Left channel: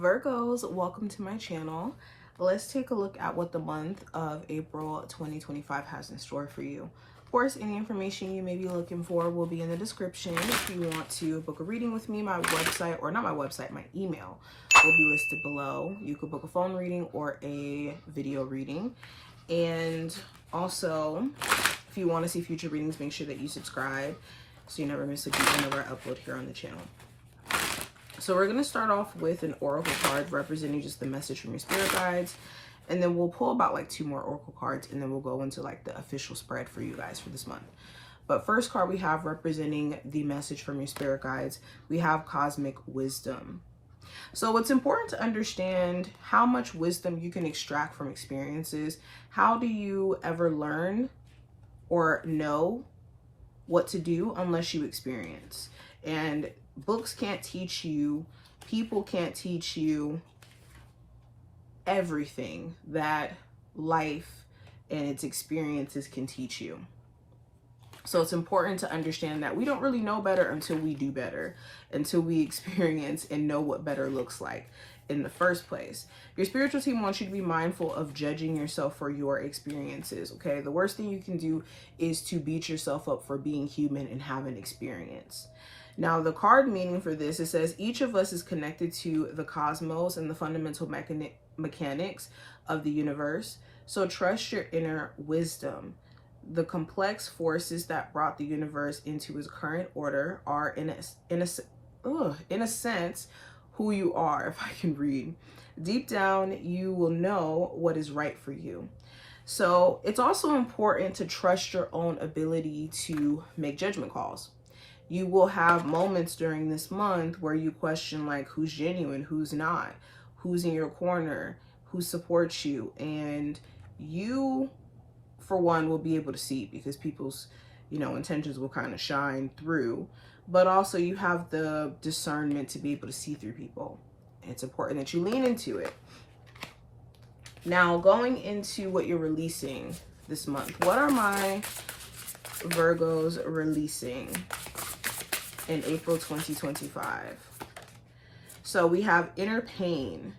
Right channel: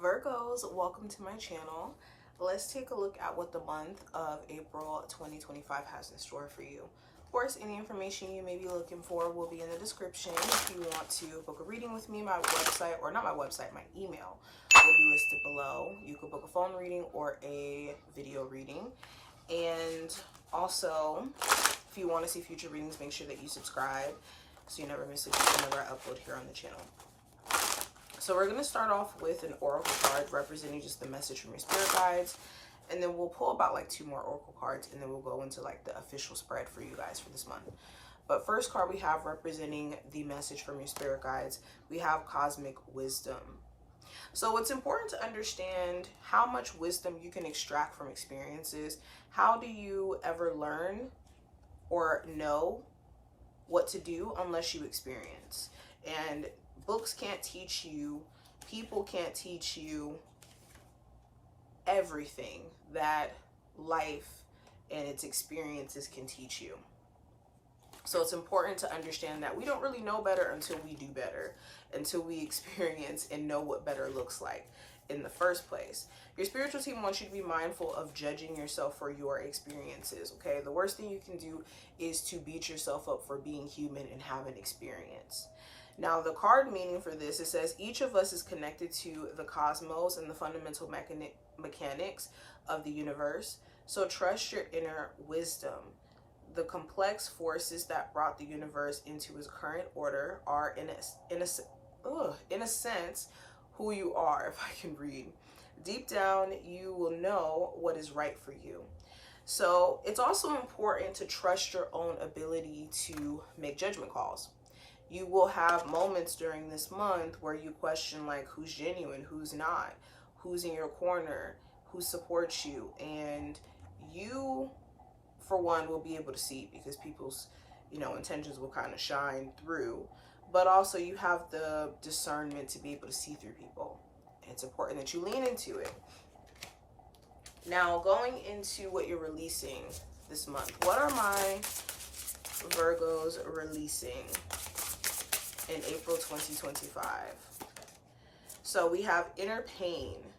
Virgos, welcome to my channel. Let's take a look at what the month of April 2025 has in store for you. Of course, any information you may be looking for will be in the description. If you want to book a reading with me, my website, or not my website, my email will be listed below. You could book a phone reading or a video reading. And also, if you want to see future readings, make sure that you subscribe so you never miss a beat whenever I upload here on the channel. So we're going to start off with an oracle card representing just the message from your spirit guides. And then we'll pull about like 2 more oracle cards, and then we'll go into like the official spread for you guys for this month. But first card we have representing the message from your spirit guides, we have cosmic wisdom. So it's important to understand how much wisdom you can extract from experiences. How do you ever learn or know what to do unless you experience? And books can't teach you, people can't teach you everything that life and its experiences can teach you. So it's important to understand that we don't really know better until we do better, until we experience and know what better looks like in the first place. Your spiritual team wants you to be mindful of judging yourself for your experiences, okay? The worst thing you can do is to beat yourself up for being human and have an experience. Now, the card meaning for this, it says each of us is connected to the cosmos and the fundamental mechanics of the universe. So trust your inner wisdom. The complex forces that brought the universe into its current order are, in a sense, who you are, if I can read. Deep down, you will know what is right for you. So it's also important to trust your own ability to make judgment calls. You will have moments during this month where you question like who's genuine, who's not, who's in your corner, who supports you. And you, for one, will be able to see because people's, intentions will kind of shine through. But also you have the discernment to be able to see through people. It's important that you lean into it. Now, going into what you're releasing this month, what are my Virgos releasing in April 2025? So we have inner pain.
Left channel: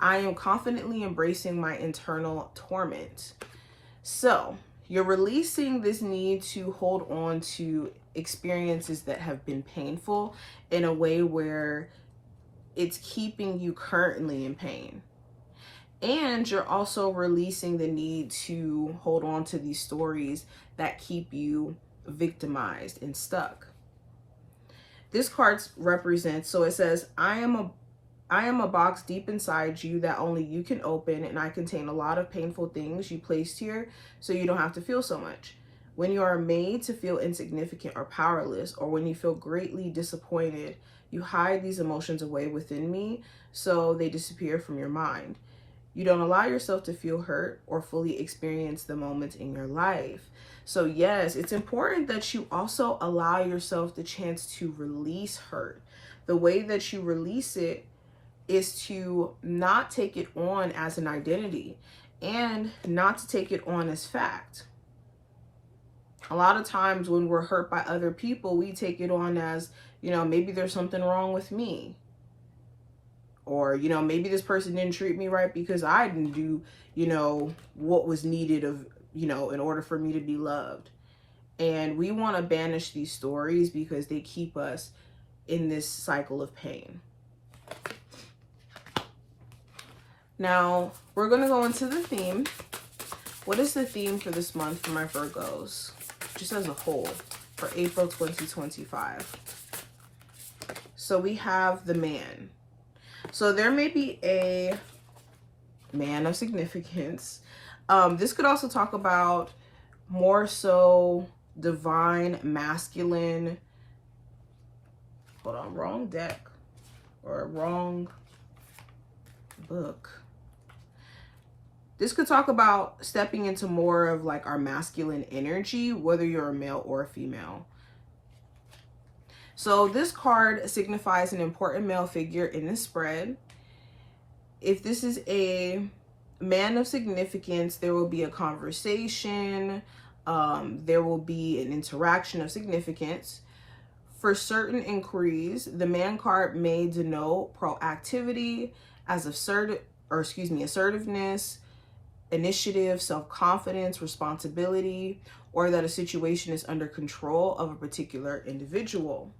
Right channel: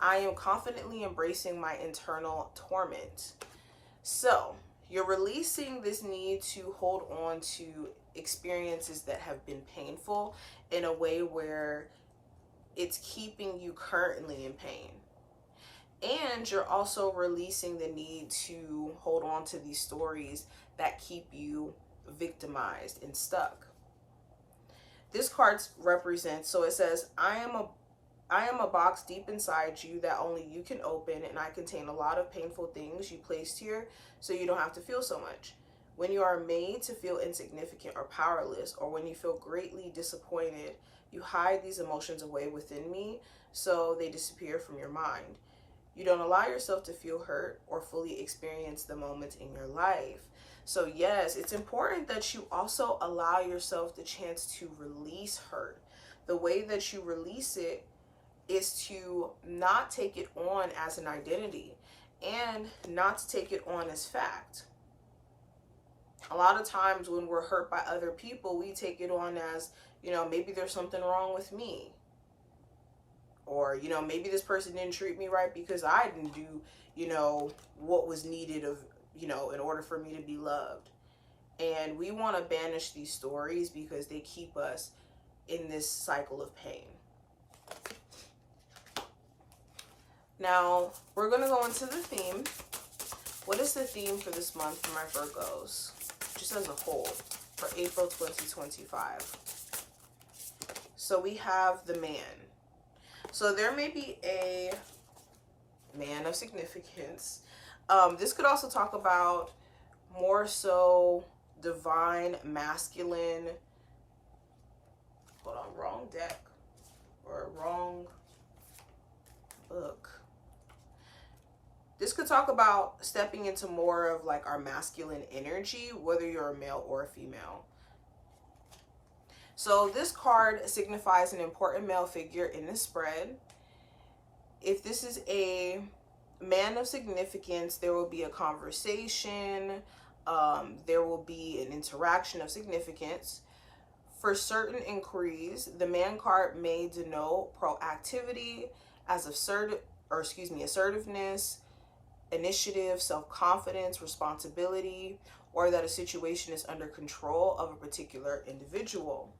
I am confidently embracing my internal torment. So you're releasing this need to hold on to experiences that have been painful in a way where it's keeping you currently in pain. And you're also releasing the need to hold on to these stories that keep you victimized and stuck. This card represents, so it says, I am a box deep inside you that only you can open, and I contain a lot of painful things you placed here so you don't have to feel so much. When you are made to feel insignificant or powerless, or when you feel greatly disappointed, you hide these emotions away within me so they disappear from your mind. You don't allow yourself to feel hurt or fully experience the moments in your life. So yes, it's important that you also allow yourself the chance to release hurt. The way that you release it is to not take it on as an identity and not to take it on as fact. A lot of times when we're hurt by other people, we take it on as, maybe there's something wrong with me. Or, maybe this person didn't treat me right because I didn't do, what was needed of, in order for me to be loved. And we want to banish these stories because they keep us in this cycle of pain. Now, we're going to go into the theme. What is the theme for this month for my Virgos? Just as a whole, for April 2025. So we have the man. So there may be a man of significance. This could also talk about more so divine, masculine. Hold on, wrong deck or wrong book. This could talk about stepping into more of like our masculine energy, whether you're a male or a female. So this card signifies an important male figure in this spread. If this is a man of significance, there will be a conversation. There will be an interaction of significance. For certain inquiries, the man card may denote proactivity, as assertiveness, initiative, self-confidence, responsibility, or that a situation is under control of a particular individual.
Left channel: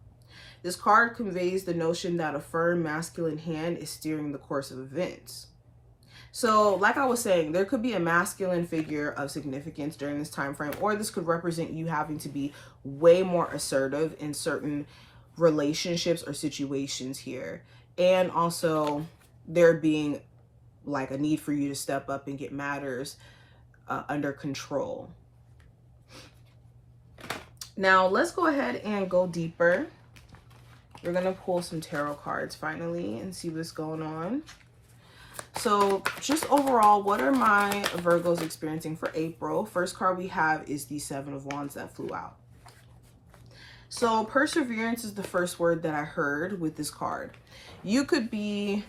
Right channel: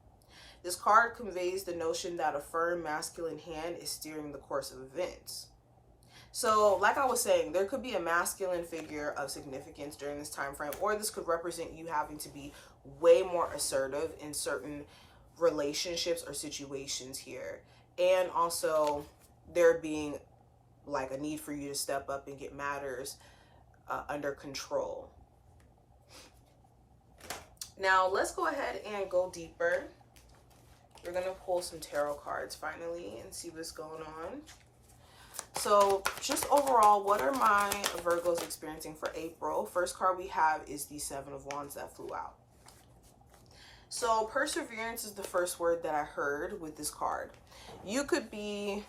This card conveys the notion that a firm masculine hand is steering the course of events. So, like I was saying, there could be a masculine figure of significance during this time frame, or this could represent you having to be way more assertive in certain relationships or situations here. And also there being like a need for you to step up and get matters under control. Now, let's go ahead and go deeper. We're going to pull some tarot cards finally and see what's going on. So just overall, what are my Virgos experiencing for April? First card we have is the Seven of Wands that flew out. So perseverance is the first word that I heard with this card. You could be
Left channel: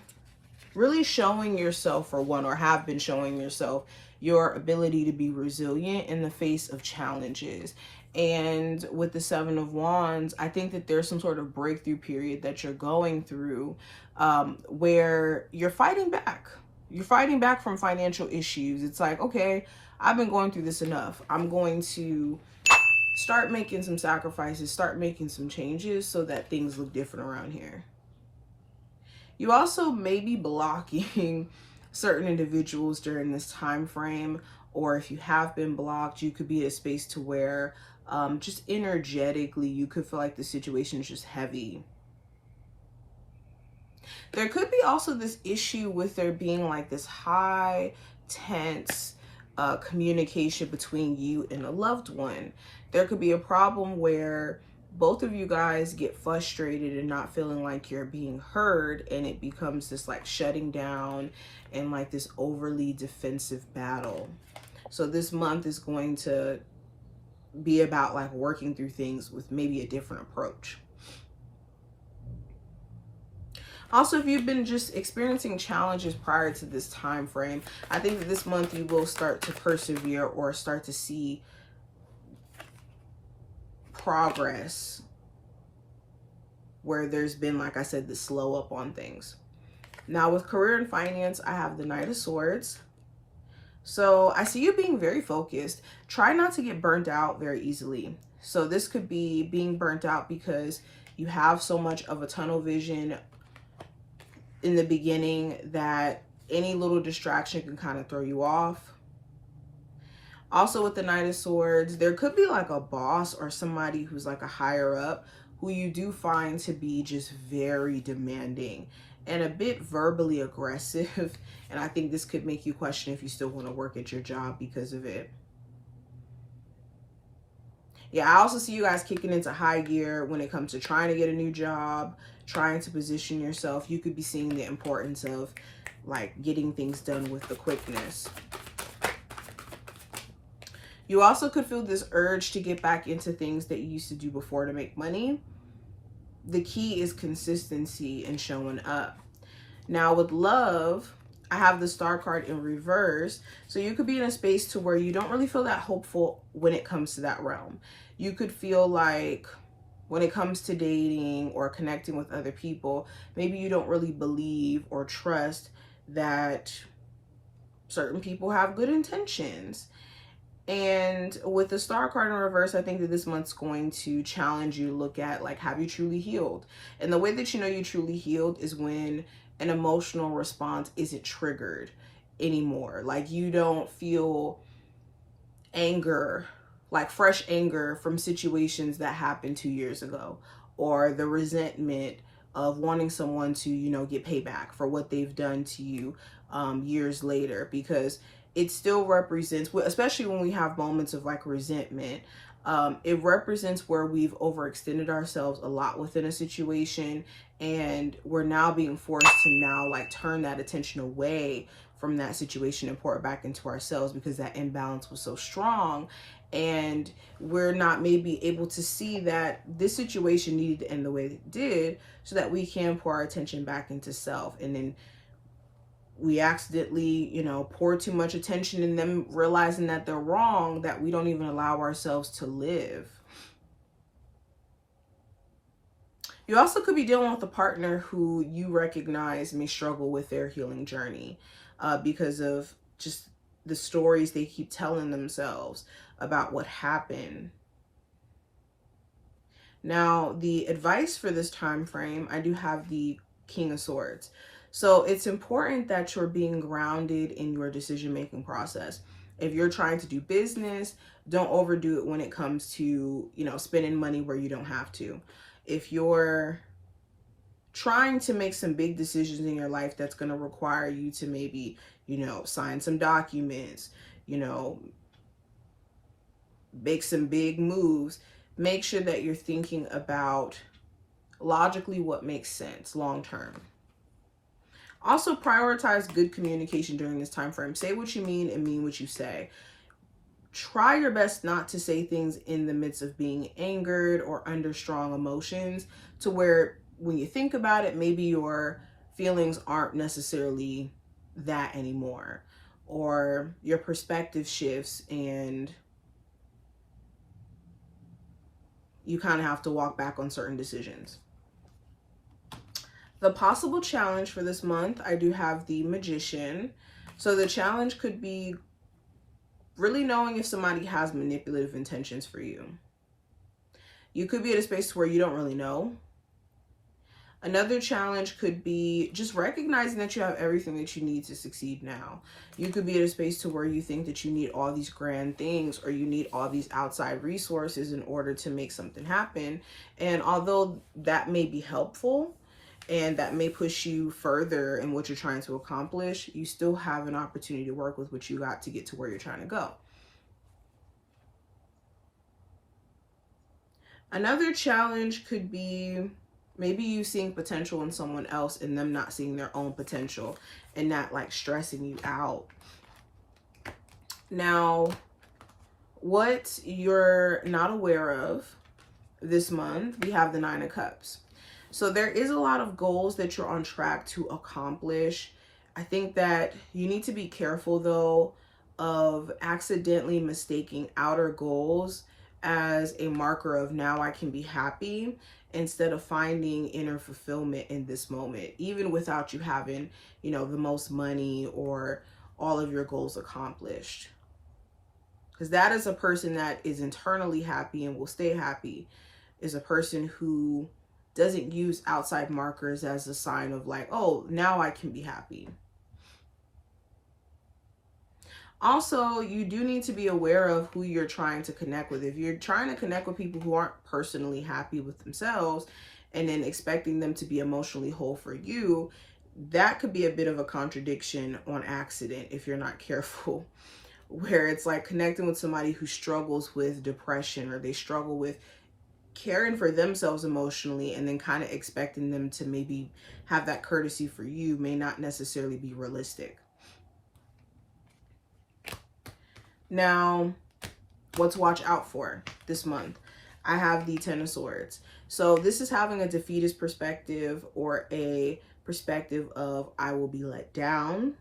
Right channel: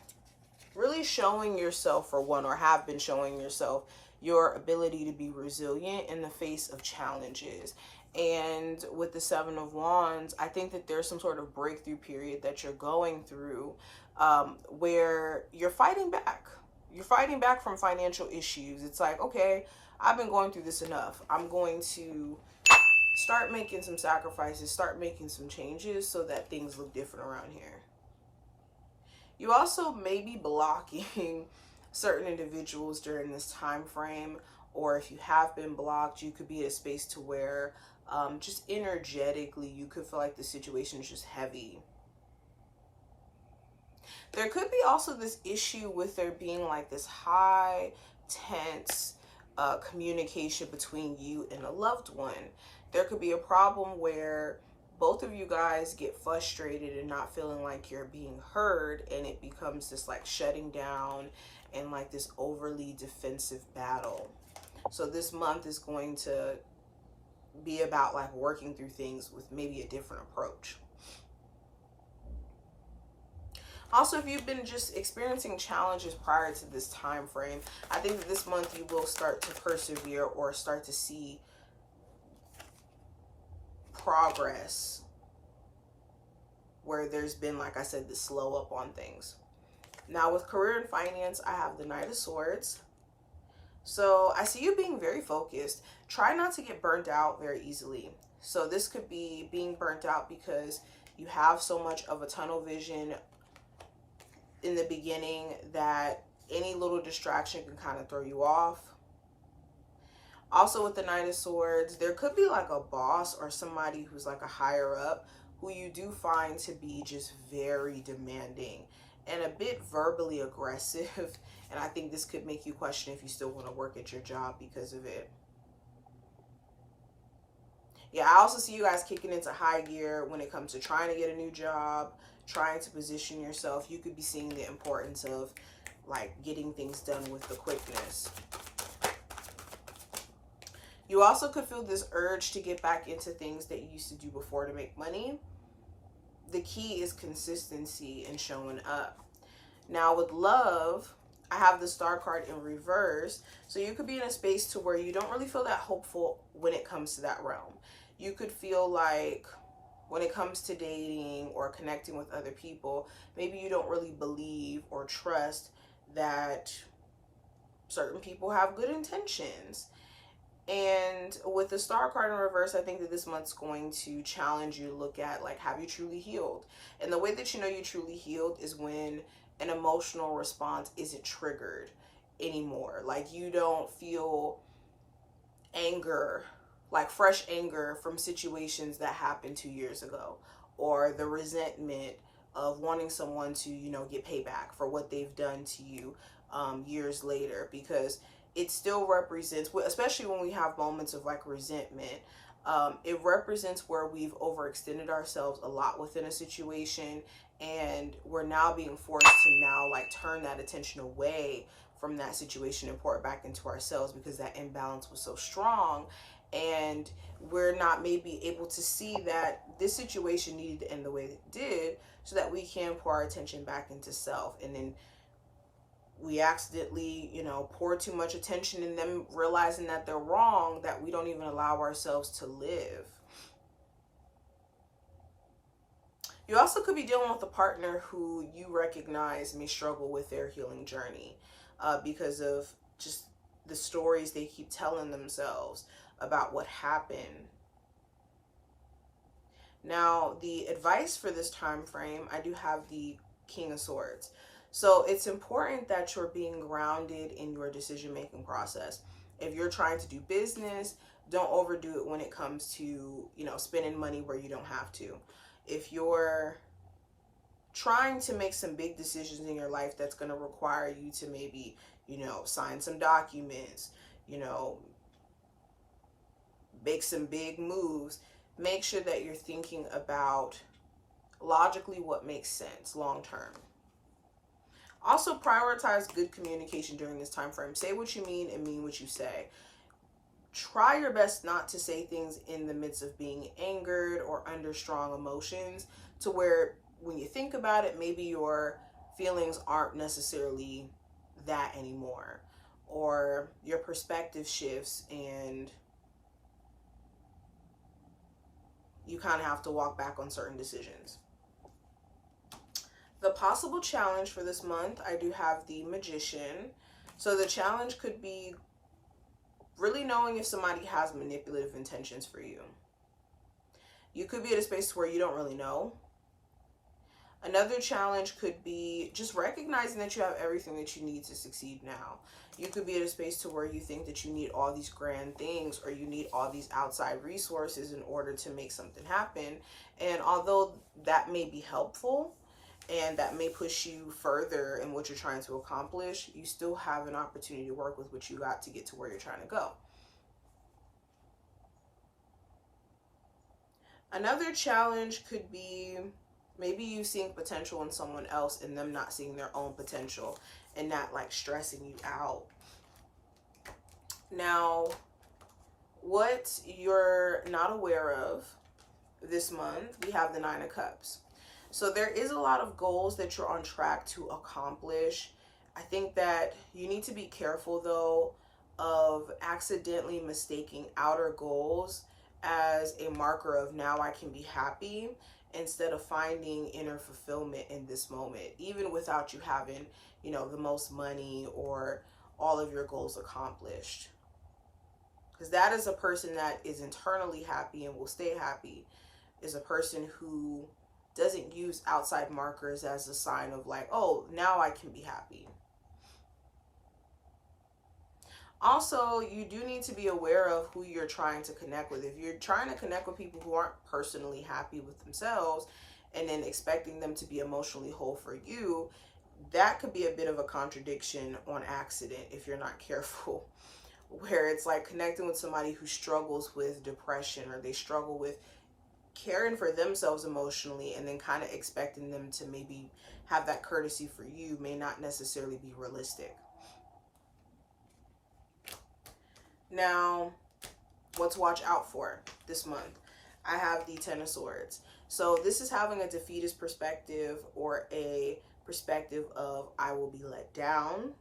really showing yourself, for one, or have been showing yourself, your ability to be resilient in the face of challenges. And with the Seven of Wands, I think that there's some sort of breakthrough period that you're going through where you're fighting back. You're fighting back from financial issues. It's like, okay, I've been going through this enough. I'm going to start making some sacrifices, start making some changes so that things look different around here. You also may be blocking certain individuals during this time frame, or if you have been blocked, you could be in a space to where just energetically you could feel like the situation is just heavy. There could be also this issue with there being like this high, tense communication between you and a loved one. There could be a problem where both of you guys get frustrated and not feeling like you're being heard, and it becomes this like shutting down and like this overly defensive battle. So this month is going to be about like working through things with maybe a different approach. Also, if you've been just experiencing challenges prior to this time frame, I think that this month you will start to persevere or start to see progress where there's been, like I said, the slow up on things. Now with career and finance, I have the Knight of Swords. So I see you being very focused. Try not to get burnt out very easily. So this could be being burnt out because you have so much of a tunnel vision in the beginning that any little distraction can kind of throw you off. Also with the Knight of Swords, there could be like a boss or somebody who's like a higher up who you do find to be just very demanding and a bit verbally aggressive. And I think this could make you question if you still want to work at your job because of it. Yeah, I also see you guys kicking into high gear when it comes to trying to get a new job, trying to position yourself. You could be seeing the importance of like getting things done with the quickness. You also could feel this urge to get back into things that you used to do before to make money. The key is consistency and showing up. Now with love, I have the Star card in reverse. So you could be in a space to where you don't really feel that hopeful when it comes to that realm. You could feel like when it comes to dating or connecting with other people, maybe you don't really believe or trust that certain people have good intentions. And with the Star card in reverse, I think that this month's going to challenge you to look at, like, have you truly healed? And the way that you know you truly healed is when an emotional response isn't triggered anymore. Like, you don't feel anger, like fresh anger from situations that happened 2 years ago, or the resentment of wanting someone to, you know, get payback for what they've done to you years later, because it still represents, especially when we have moments of like resentment, it represents where we've overextended ourselves a lot within a situation, and we're now being forced to now like turn that attention away from that situation and pour it back into ourselves because that imbalance was so strong. And we're not maybe able to see that this situation needed to end the way it did so that we can pour our attention back into self. And then we accidentally, you know, pour too much attention in them realizing that they're wrong, that we don't even allow ourselves to live. You also could be dealing with a partner who you recognize may struggle with their healing journey because of just the stories they keep telling themselves about what happened. Now, the advice for this time frame, I do have the King of Swords. So it's important that you're being grounded in your decision-making process. If you're trying to do business, don't overdo it when it comes to, spending money where you don't have to. If you're trying to make some big decisions in your life that's going to require you to maybe, sign some documents, make some big moves, make sure that you're thinking about logically what makes sense long term. Also, prioritize good communication during this time frame. Say what you mean and mean what you say. Try your best not to say things in the midst of being angered or under strong emotions, to where when you think about it, maybe your feelings aren't necessarily that anymore, or your perspective shifts and you kind of have to walk back on certain decisions. The possible challenge for this month, I do have the Magician. So the challenge could be really knowing if somebody has manipulative intentions for you. You could be at a space where you don't really know. Another challenge could be just recognizing that you have everything that you need to succeed now. You could be at a space to where you think that you need all these grand things, or you need all these outside resources in order to make something happen. And although that may be helpful and that may push you further in what you're trying to accomplish, you still have an opportunity to work with what you got to get to where you're trying to go. Another challenge could be maybe you seeing potential in someone else and them not seeing their own potential, and not like stressing you out. Now, what you're not aware of this month, we have the Nine of Cups. So there is a lot of goals that you're on track to accomplish. I think that you need to be careful, though, of accidentally mistaking outer goals as a marker of now I can be happy, instead of finding inner fulfillment in this moment, even without you having, the most money or all of your goals accomplished. Because that is a person that is internally happy and will stay happy, is a person who doesn't use outside markers as a sign of like, oh, now I can be happy. Also, you do need to be aware of who you're trying to connect with. If you're trying to connect with people who aren't personally happy with themselves and then expecting them to be emotionally whole for you, that could be a bit of a contradiction on accident if you're not careful. Where it's like connecting with somebody who struggles with depression, or they struggle with caring for themselves emotionally, and then kind of expecting them to maybe have that courtesy for you may not necessarily be realistic. Now, what to watch out for this month? I have the Ten of Swords. So this is having a defeatist perspective, or a perspective of I will be let down.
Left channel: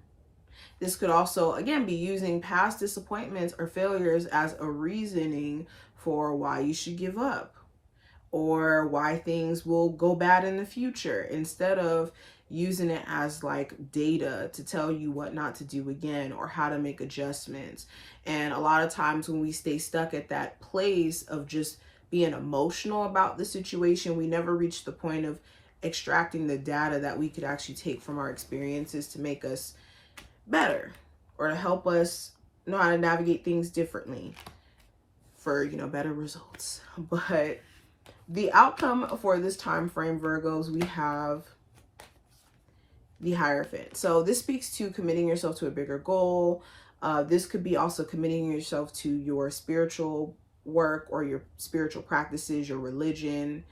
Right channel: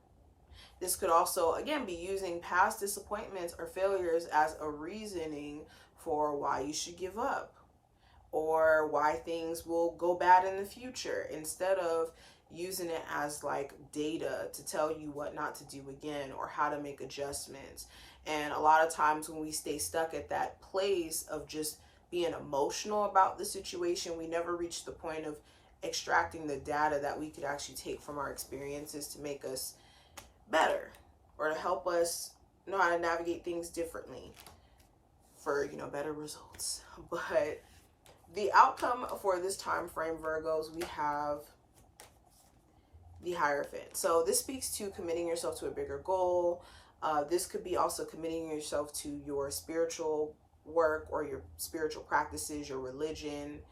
This could also, again, be using past disappointments or failures as a reasoning for why you should give up, or why things will go bad in the future, instead of using it as like data to tell you what not to do again or how to make adjustments. And a lot of times when we stay stuck at that place of just being emotional about the situation, we never reach the point of extracting the data that we could actually take from our experiences to make us better, or to help us know how to navigate things differently for, better results. But the outcome for this time frame, Virgos, we have the Hierophant. So this speaks to committing yourself to a bigger goal. This could be also committing yourself to your spiritual work or your spiritual practices, your religion.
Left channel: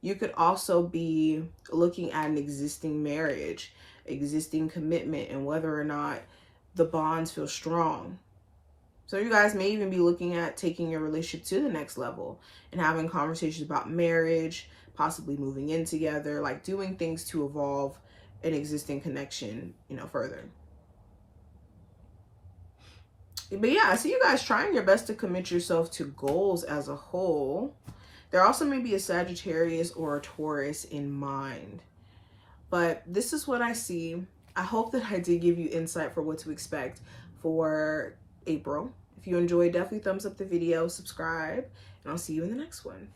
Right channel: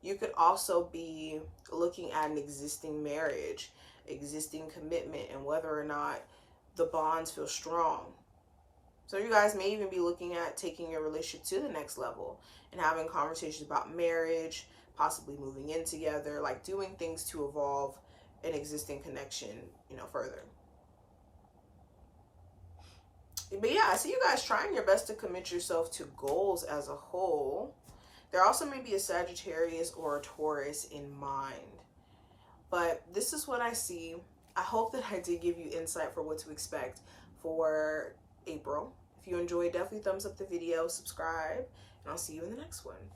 You could also be looking at an existing marriage, existing commitment, and whether or not the bonds feel strong. So you guys may even be looking at taking your relationship to the next level and having conversations about marriage, possibly moving in together, like doing things to evolve an existing connection, further. But yeah, I see you guys trying your best to commit yourself to goals as a whole. There also may be a Sagittarius or a Taurus in mind. But this is what I see. I hope that I did give you insight for what to expect for April. If you enjoyed, definitely thumbs up the video, subscribe, and I'll see you in the next one.